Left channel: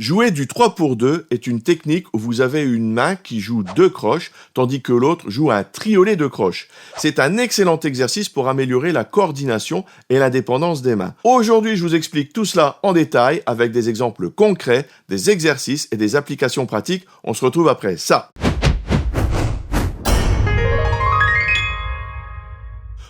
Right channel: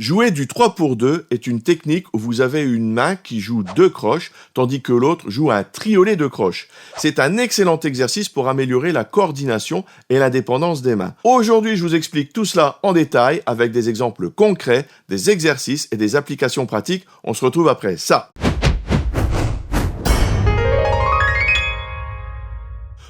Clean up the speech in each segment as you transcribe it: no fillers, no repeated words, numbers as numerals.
Jouer du 3 pour 2 est une technique où vous avez une main qui joue 2 croches, tandis que l'autre joue un triolet de croches. C'est un excellent exercice pour améliorer la coordination et l'indépendance des mains. Aujourd'hui, je vous explique tout cela en détail avec des exemples concrets, des exercices et des applications pratiques. On se retrouve après ça.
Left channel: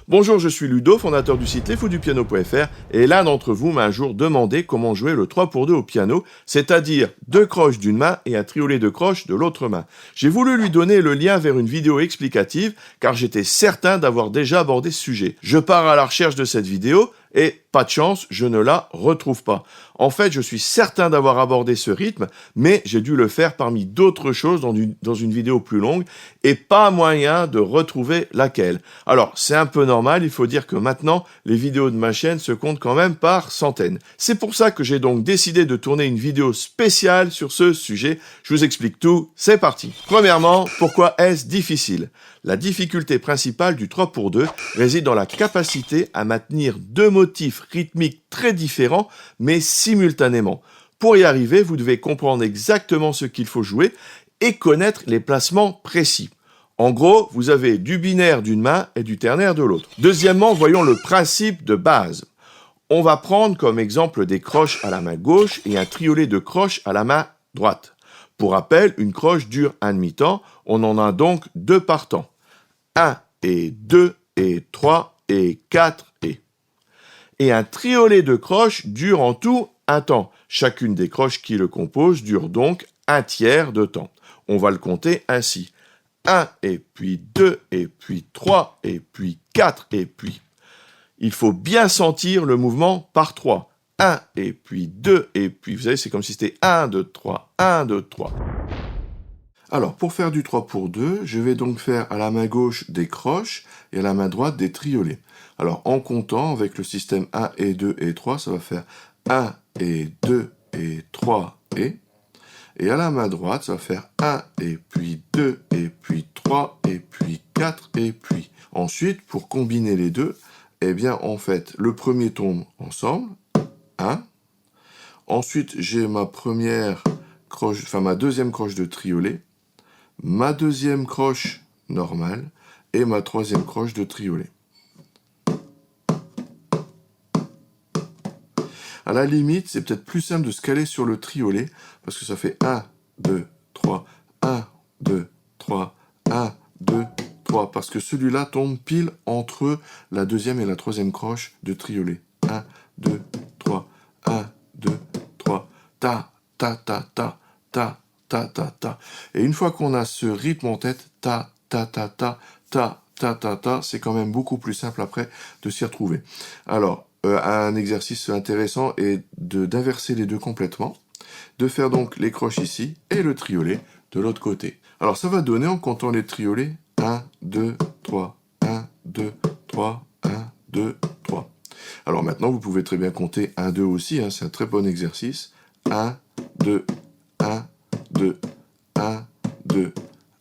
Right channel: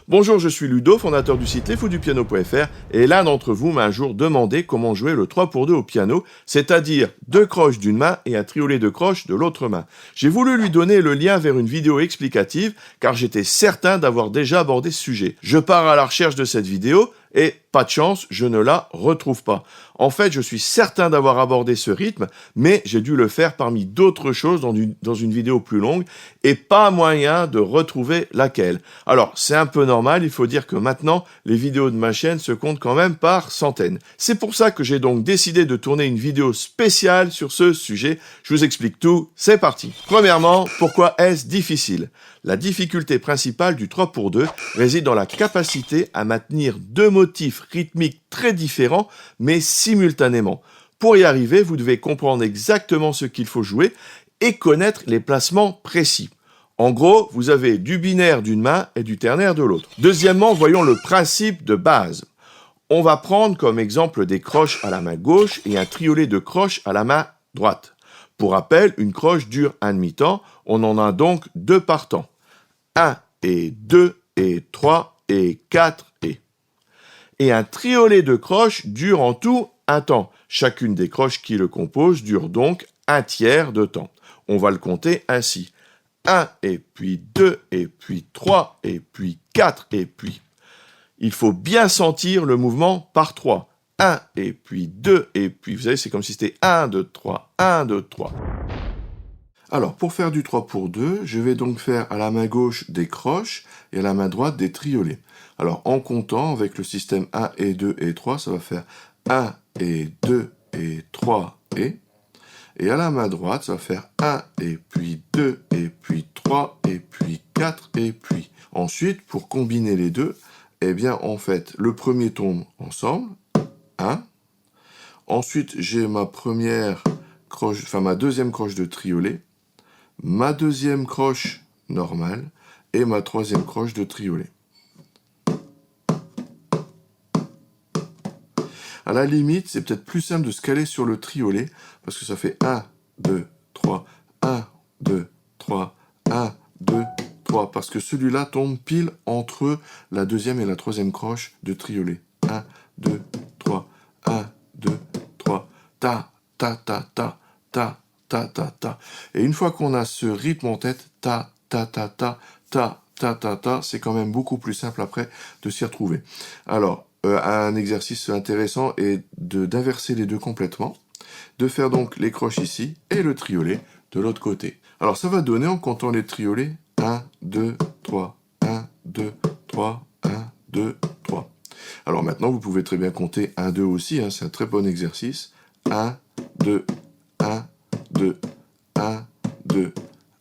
Bonjour, je suis Ludo, fondateur du site lesfoudupiano.fr et l'un d'entre vous m'a un jour demandé comment jouer le 3 pour 2 au piano, c'est-à-dire 2 croches d'une main et un triolet de croches de l'autre main. J'ai voulu lui donner le lien vers une vidéo explicative car j'étais certain d'avoir déjà abordé ce sujet. Je pars à la recherche de cette vidéo et, pas de chance, je ne la retrouve pas. En fait, je suis certain d'avoir abordé ce rythme, mais j'ai dû le faire parmi d'autres choses dans une vidéo plus longue et pas moyen de retrouver laquelle. Alors, c'est un peu normal, il faut dire que maintenant, les vidéos de ma chaîne se comptent quand même par centaines. C'est pour ça que j'ai donc décidé de tourner une vidéo spéciale sur ce sujet. Je vous explique tout, c'est parti. Premièrement, pourquoi est-ce difficile ? La difficulté principale du 3 pour 2 réside dans la capacité à maintenir deux motifs rythmiques très différents, mais simultanément. Pour y arriver, vous devez comprendre exactement ce qu'il faut jouer et connaître les placements précis. En gros, vous avez du binaire d'une main et du ternaire de l'autre. Deuxièmement, voyons le principe de base. On va prendre comme exemple des croches à la main gauche et un triolet de croches à la main droite. Pour rappel, une croche dure un demi-temps, on en a donc 2 par temps. 1 et 2 et 3 et 4 et... Et un triolet de croches dure en tout un temps. Chacune des croches qui le composent dure donc un tiers de temps. On va le compter ainsi. 1 et puis 2 et puis 3 et puis 4 et puis... Il faut bien sentir le mouvement par 3. 1 et puis 2 et puis... Vous savez, c'est comme si c'était 1, 2, 3, 1, 2, 3. Alors, pour faire du 3 pour 2, je vais donc faire à la main gauche des croches et à la main droite des triolets. Alors, en comptant avec le système 1 et 2 et 3, ça va faire 1 et 2 et 3 et... Et à la main droite, ça va faire 1 et puis 2 et puis 3 et puis 4 et puis... Ensuite, pour combiner les deux, eh bien, en fait, le premier tombe ensemble, 1. Ensuite, j'ai ma deuxième croche de triolet, ma deuxième croche normale et ma troisième croche de triolet. À la limite, c'est peut-être plus simple de se caler sur le triolet parce que ça fait 1, 2, 3, 1, 2, 3, 1, 2, 3, parce que celui-là tombe pile entre la deuxième et la troisième croche de triolet. 1, 2, 3, 1, 2, 3, ta, ta, ta, ta, ta, ta, ta, ta. Et une fois qu'on a ce rythme en tête, ta, ta, ta, ta, ta, ta, ta, ta, c'est quand même beaucoup plus simple après de s'y retrouver. Alors, un exercice intéressant est d'inverser les deux complètement, de faire donc les croches ici et le triolet de l'autre côté. Alors, ça va donner en comptant les triolets 1, 2, 3, 1, 2, 3, 1, 2, 3. Alors maintenant, vous pouvez très bien compter 1, 2 aussi, hein, c'est un très bon exercice. 1, 2, 1, 2, 1, 2,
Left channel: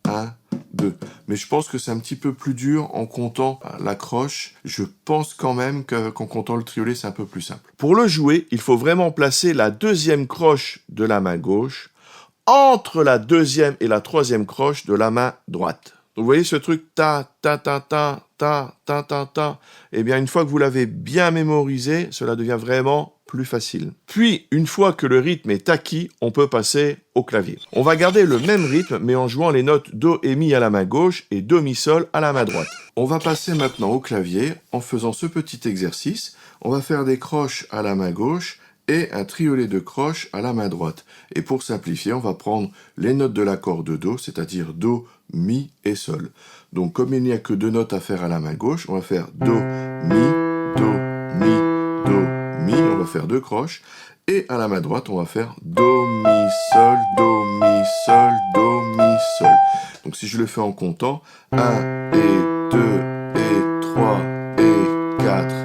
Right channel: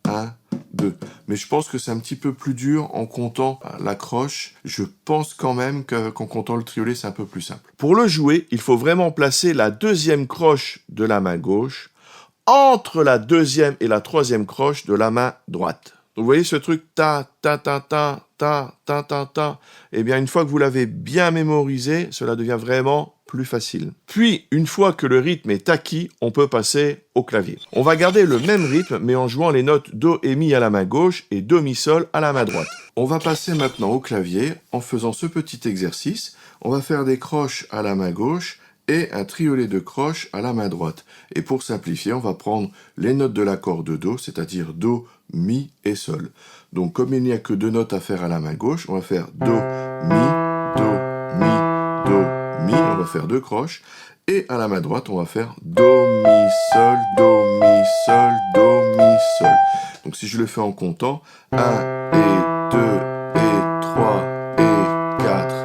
1, 2. Mais je pense que c'est un petit peu plus dur en comptant la croche. Je pense quand même qu'en comptant le triolet, c'est un peu plus simple. Pour le jouer, il faut vraiment placer la deuxième croche de la main gauche entre la deuxième et la troisième croche de la main droite. Donc, vous voyez ce truc ta, ta, ta, ta, ta, ta, ta, ta. Eh bien, une fois que vous l'avez bien mémorisé, cela devient vraiment plus facile. Puis, une fois que le rythme est acquis, on peut passer au clavier. On va garder le même rythme, mais en jouant les notes Do et Mi à la main gauche et Do, Mi, Sol à la main droite. On va passer maintenant au clavier en faisant ce petit exercice. On va faire des croches à la main gauche et un triolet de croches à la main droite. Et pour simplifier, on va prendre les notes de l'accord de Do, c'est-à-dire Do, Mi et Sol. Donc, comme il n'y a que 2 notes à faire à la main gauche, on va faire Do, Mi, Do, Mi, Do, Mi. On va faire 2 croches. Et à la main droite, on va faire Do, Mi, Sol, Do, Mi, Sol, Do, Mi, Sol. Donc, si je le fais en comptant, 1 et 2 et 3 et 4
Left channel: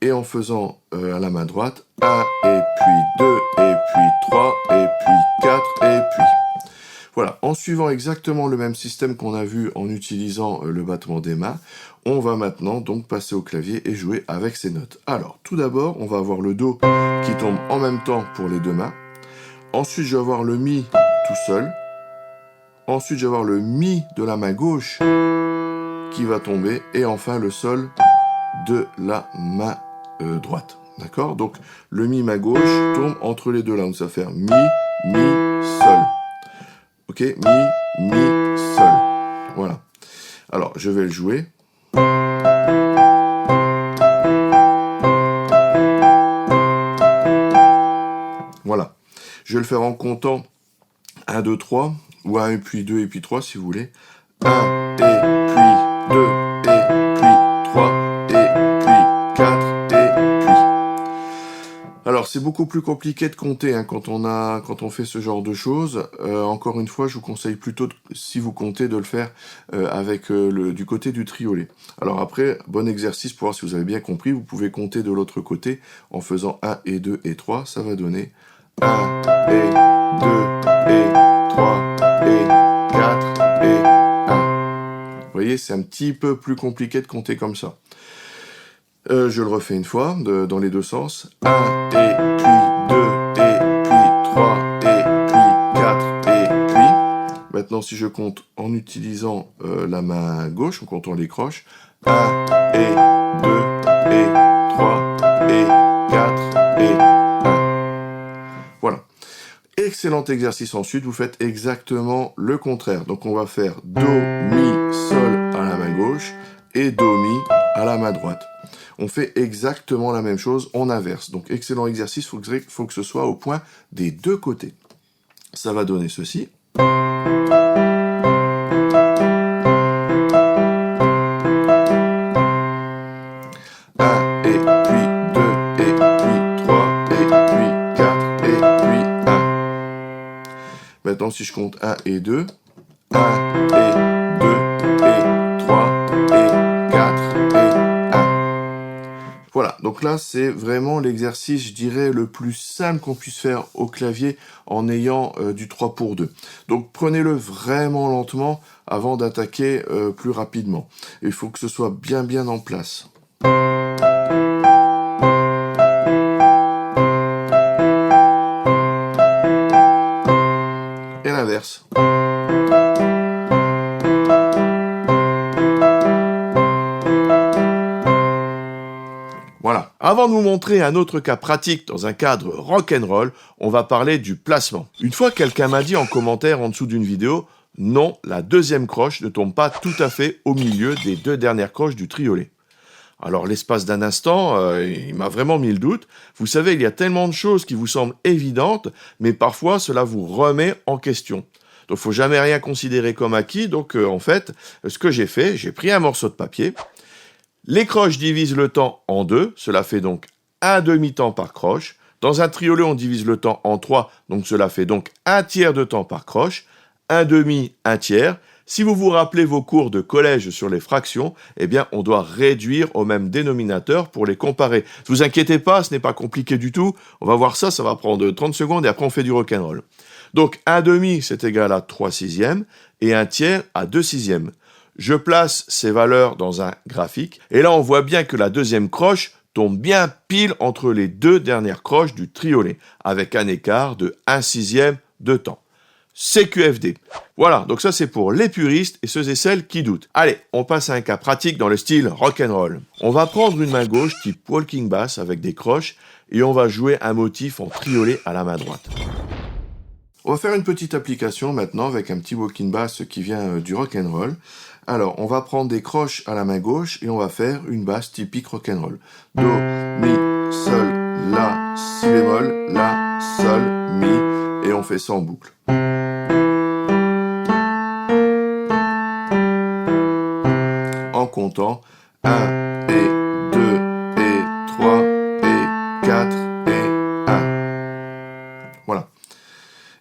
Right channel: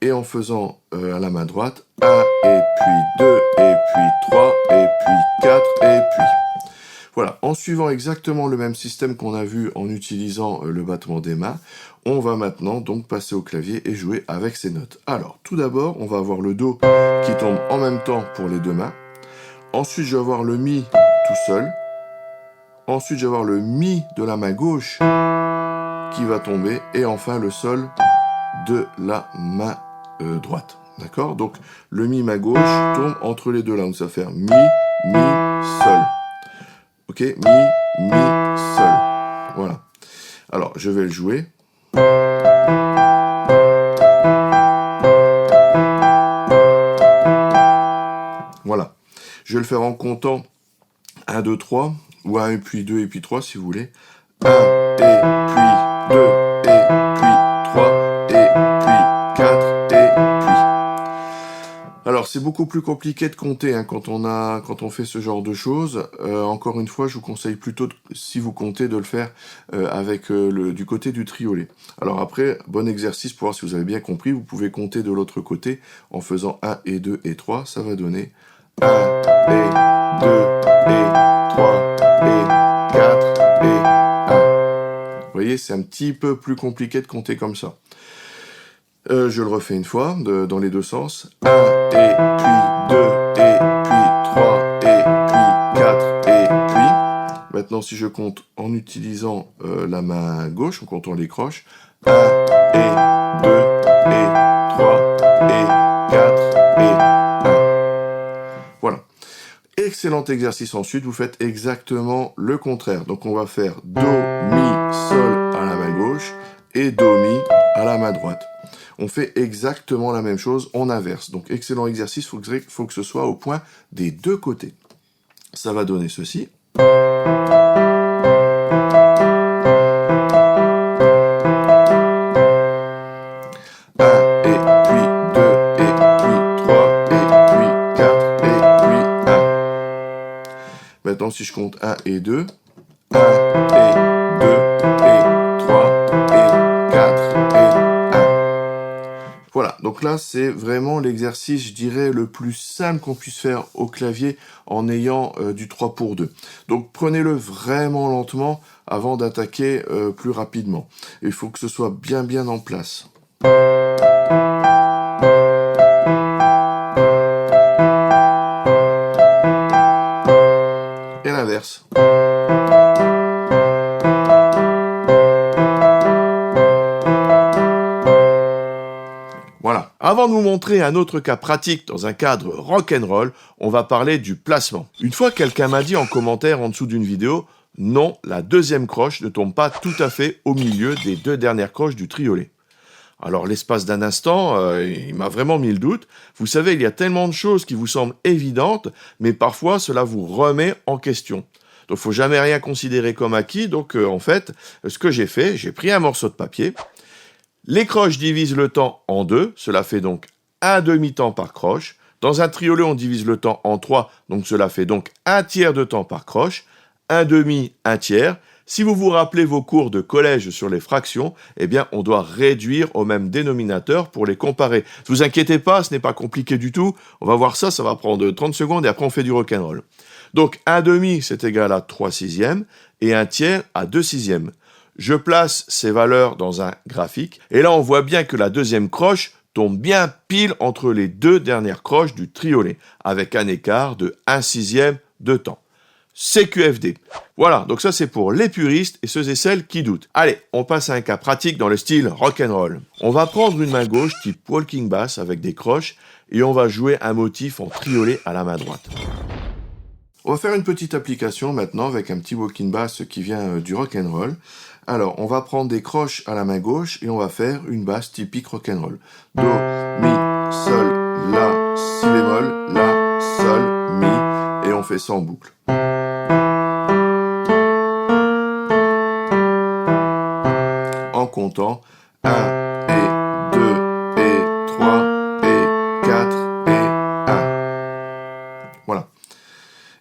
et en faisant à la main droite, 1 et puis 2 et puis 3 et puis 4 et puis... Voilà, en suivant exactement le même système qu'on a vu en utilisant le battement des mains, on va maintenant donc passer au clavier et jouer avec ces notes. Alors, tout d'abord, on va avoir le Do qui tombe en même temps pour les deux mains. Ensuite, je vais avoir le Mi tout seul. Ensuite, je vais avoir le Mi de la main gauche qui va tomber. Et enfin, le Sol de la main droite. D'accord? Donc, le Mi main gauche tombe entre les deux là. Donc, ça va faire Mi, Mi, Sol. Ok? Mi, Mi, Sol. Voilà. Alors, je vais le jouer. Voilà. Je vais le faire en comptant 1, 2, 3, ou 1 et puis 2 et puis 3 si vous voulez. 1 et puis 2 et puis 3 et puis 4 et puis. Alors c'est beaucoup plus compliqué de compter hein, quand on fait ce genre de choses. Encore une fois, je vous conseille plutôt, si vous comptez, de le faire avec du côté du triolet. Alors après, bon exercice pour voir si vous avez bien compris. Vous pouvez compter de l'autre côté en faisant 1 et 2 et 3. Ça va donner 1 et 2 et 3 et 4 et 1. Vous voyez, c'est un petit peu plus compliqué de compter comme ça. Je le refais une fois, dans les deux sens. 1 et puis 2 et puis 3 et puis 4 et puis. Maintenant, si je compte en utilisant la main gauche, en comptant les croches. 1 et 2 et 3 et 4 et 1. Voilà. Excellent exercice ensuite, vous faites exactement le contraire. Donc on va faire Do, Mi, Sol à la main gauche et Do, Mi à la main droite. On fait exactement la même chose, on inverse. Donc excellent exercice, il faut que ce soit au point des deux côtés. Ça va donner ceci. Et puis 2, et puis 3, et puis 4, et puis 1. Maintenant, si je compte 1 et 2, 1 et 2 et 3 et 4 et 1. Voilà, donc là, c'est vraiment l'exercice, je dirais, le plus simple qu'on puisse faire au clavier en ayant du 3 pour 2. Donc, prenez-le vraiment lentement avant d'attaquer plus rapidement. Il faut que ce soit bien en place. Et l'inverse. Voilà. Avant de vous montrer un autre cas pratique dans un cadre rock'n'roll, on va parler du placement. Une fois, quelqu'un m'a dit en commentaire en dessous d'une vidéo, non, la deuxième croche ne tombe pas tout à fait au milieu des deux dernières croches du triolet. Alors, l'espace d'un instant, il m'a vraiment mis le doute. Vous savez, il y a tellement de choses qui vous semblent évidentes, mais parfois, cela vous remet en question. Donc, faut jamais rien considérer comme acquis. Donc, en fait, ce que j'ai fait, j'ai pris un morceau de papier. Les croches divisent le temps en 2. Cela fait donc un demi-temps par croche. Dans un triolet, on divise le temps en 3. Donc, cela fait donc un tiers de temps par croche. Un demi, un tiers. Si vous vous rappelez vos cours de collège sur les fractions, eh bien, on doit réduire au même dénominateur pour les comparer. Ne vous inquiétez pas, ce n'est pas compliqué du tout. On va voir ça, ça va prendre 30 secondes et après on fait du rock'n'roll. Donc, un demi, c'est égal à 3 sixièmes et un tiers à 2 sixièmes. Je place ces valeurs dans un graphique et là, on voit bien que la deuxième croche tombe bien pile entre les deux dernières croches du triolet avec un écart de 1 sixième de temps. CQFD. Voilà, donc ça c'est pour les puristes et ceux et celles qui doutent. Allez, on passe à un cas pratique dans le style rock'n'roll. On va prendre une main gauche type walking bass avec des croches et on va jouer un motif en triolet à la main droite. On va faire une petite application maintenant avec un petit walking bass qui vient du rock'n'roll. Alors, on va prendre des croches à la main gauche et on va faire une basse typique rock'n'roll. Do, mi, sol, la, si bémol, la, sol, mi, et on fait ça en boucle. En comptant 1 et 2 et 3 et 4 et 1. Voilà.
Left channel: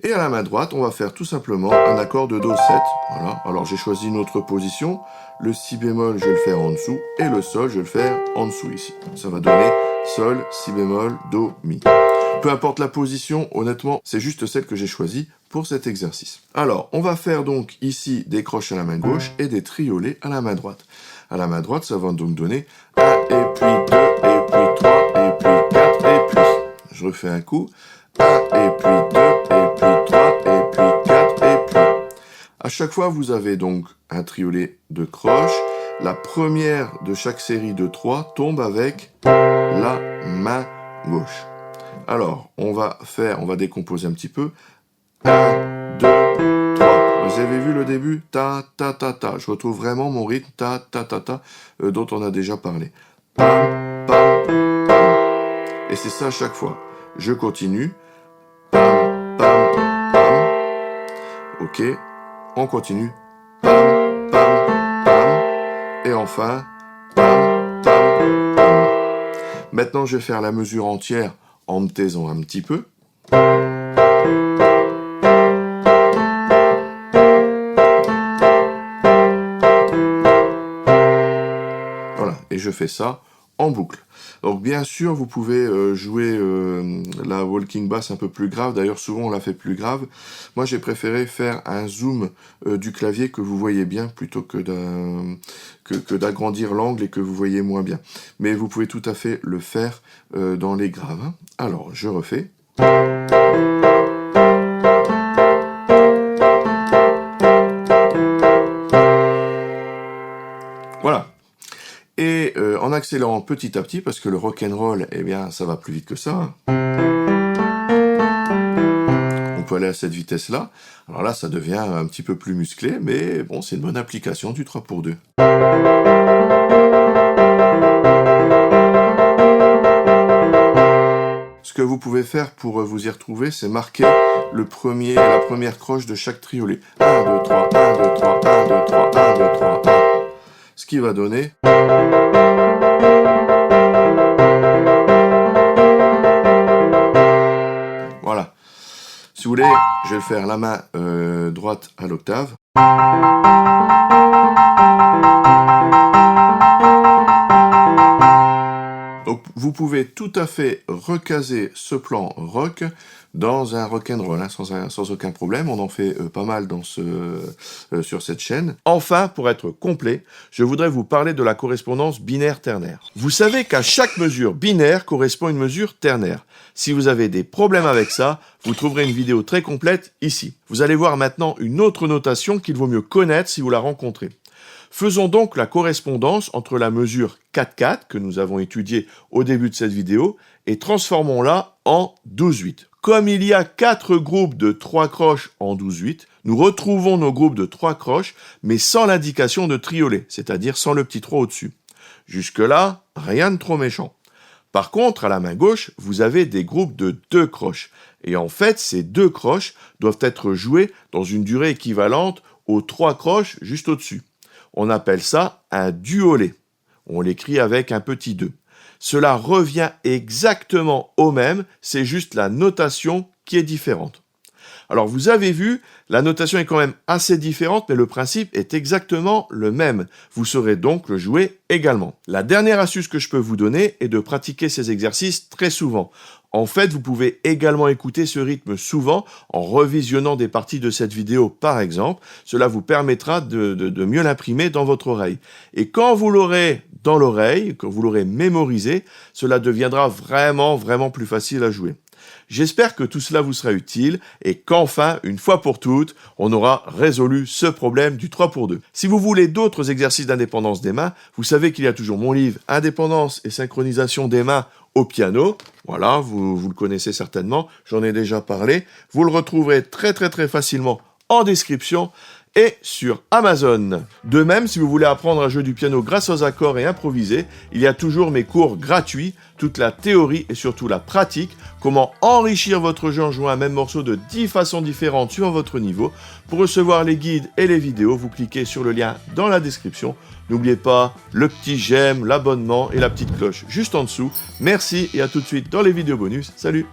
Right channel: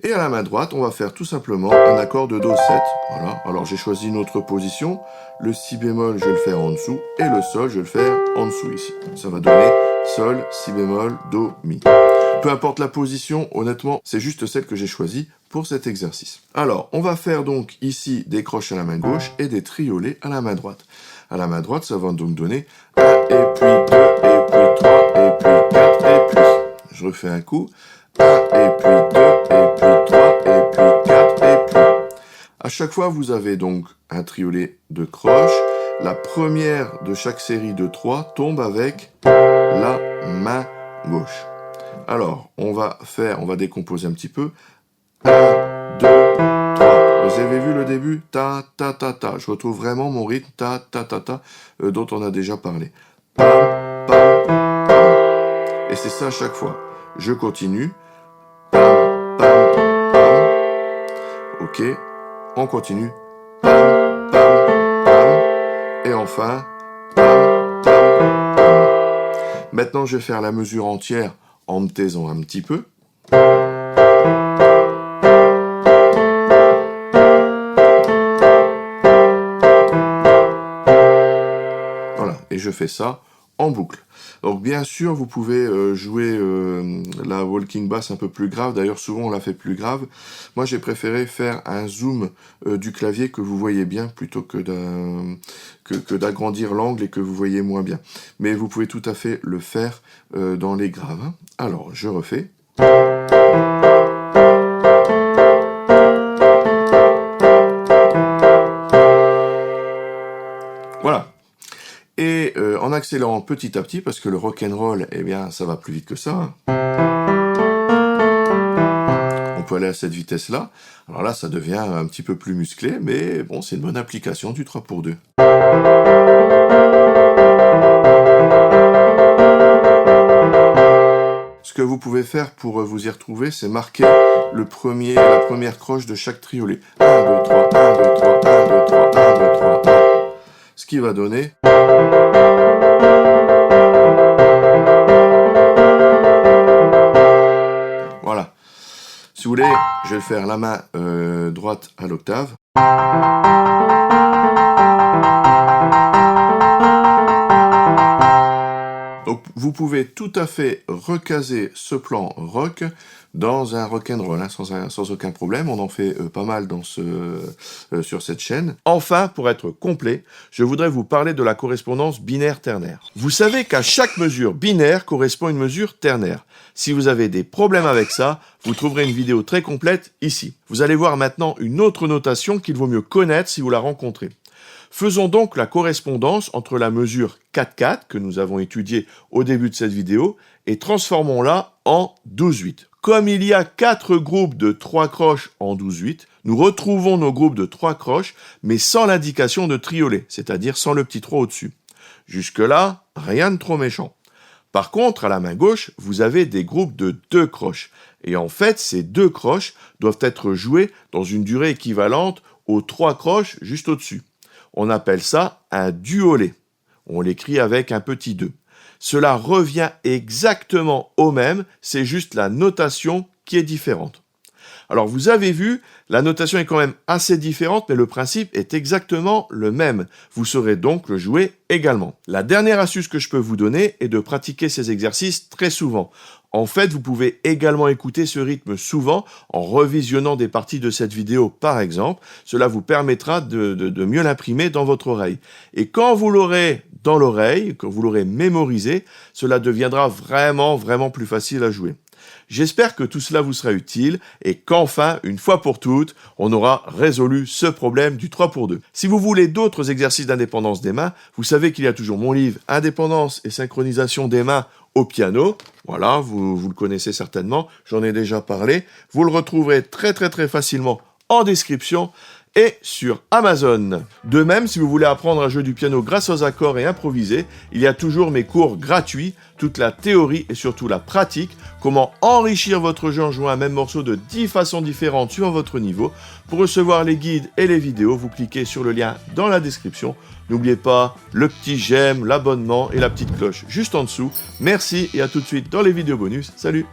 Et à la main droite, on va faire tout simplement un accord de Do 7. Voilà. Alors j'ai choisi une autre position. Le si bémol, je vais le faire en dessous. Et le sol, je vais le faire en dessous ici. Ça va donner sol, si bémol, do, mi. Peu importe la position, honnêtement, c'est juste celle que j'ai choisie pour cet exercice. Alors, on va faire donc ici des croches à la main gauche et des triolets à la main droite. À la main droite, ça va donc donner 1 et puis 2 et puis 3 et puis 4 et puis. Je refais un coup. 1 et puis 2 et chaque fois, vous avez donc un triolet de croches. La première de chaque série de 3 tombe avec la main gauche. Alors, on va décomposer un petit peu. 1, 2, 3. Vous avez vu le début? Ta, ta, ta, ta. Je retrouve vraiment mon rythme ta, ta, ta, ta, dont on a déjà parlé. Pam, pam, pam. Et c'est ça à chaque fois. Je continue. Pam, pam, pam. Ok. On continue. Pam, pam, pam. Et enfin, pam, pam, pam. Maintenant, je vais faire la mesure entière en me taisant un petit peu. Voilà, et je fais ça en boucle. Donc bien sûr, vous pouvez jouer la walking bass un peu plus grave. D'ailleurs, souvent on la fait plus grave. Moi, j'ai préféré faire un zoom du clavier que vous voyez bien plutôt que d'agrandir l'angle et que vous voyez moins bien. Mais vous pouvez tout à fait le faire dans les graves. Hein. Alors, je refais. Voilà. Et en accélérant petit à petit, parce que le rock'n'roll, eh bien, ça va plus vite que ça. On peut aller à cette vitesse-là. Alors là, ça devient un petit peu plus musclé, mais bon, c'est une bonne application du 3x2. Ce que vous pouvez faire pour vous y retrouver, c'est marquer la première croche de chaque triolet. 1, 2, 3, 1, 2, 3, 1, 2, 3, 1, 2, 3, 1. Ce qui va donner... Voilà. Si vous voulez, je vais le faire la main droite à l'octave. Donc vous pouvez tout à fait recaser ce plan rock dans un rock'n'roll, hein, sans aucun problème. On en fait pas mal sur cette chaîne. Enfin, pour être complet, je voudrais vous parler de la correspondance binaire-ternaire. Vous savez qu'à chaque mesure binaire correspond une mesure ternaire. Si vous avez des problèmes avec ça, vous trouverez une vidéo très complète ici. Vous allez voir maintenant une autre notation qu'il vaut mieux connaître si vous la rencontrez. Faisons donc la correspondance entre la mesure 4/4 que nous avons étudiée au début de cette vidéo et transformons-la en 12/8. Comme il y a 4 groupes de 3 croches en 12/8, nous retrouvons nos groupes de 3 croches, mais sans l'indication de triolet, c'est-à-dire sans le petit 3 au-dessus. Jusque-là, rien de trop méchant. Par contre, à la main gauche, vous avez des groupes de 2 croches. Et en fait, ces 2 croches doivent être jouées dans une durée équivalente aux 3 croches juste au-dessus. On appelle ça un duolet. On l'écrit avec un petit 2. Cela revient exactement au même, c'est juste la notation qui est différente. Alors vous avez vu, la notation est quand même assez différente, mais le principe est exactement le même. Vous saurez donc le jouer également. La dernière astuce que je peux vous donner est de pratiquer ces exercices très souvent. En fait, vous pouvez également écouter ce rythme souvent en revisionnant des parties de cette vidéo par exemple. Cela vous permettra de mieux l'imprimer dans votre oreille. Et quand vous l'aurez dans l'oreille, quand vous l'aurez mémorisé, cela deviendra vraiment plus facile à jouer. J'espère que tout cela vous sera utile et qu'enfin, une fois pour toutes, on aura résolu ce problème du 3x2. Si vous voulez d'autres exercices d'indépendance des mains, vous savez qu'il y a toujours mon livre « Indépendance et synchronisation des mains au piano ». Voilà, vous le connaissez certainement, j'en ai déjà parlé. Vous le retrouverez très facilement en description et sur Amazon. De même, si vous voulez apprendre à jouer du piano grâce aux accords et improviser, il y a toujours mes cours gratuits, toute la théorie et surtout la pratique, comment enrichir votre jeu en jouant un même morceau de 10 façons différentes suivant votre niveau. Pour recevoir les guides et les vidéos, vous cliquez sur le lien dans la description. N'oubliez pas le petit j'aime, l'abonnement et la petite cloche juste en dessous. Merci et à tout de suite dans les vidéos bonus. Salut!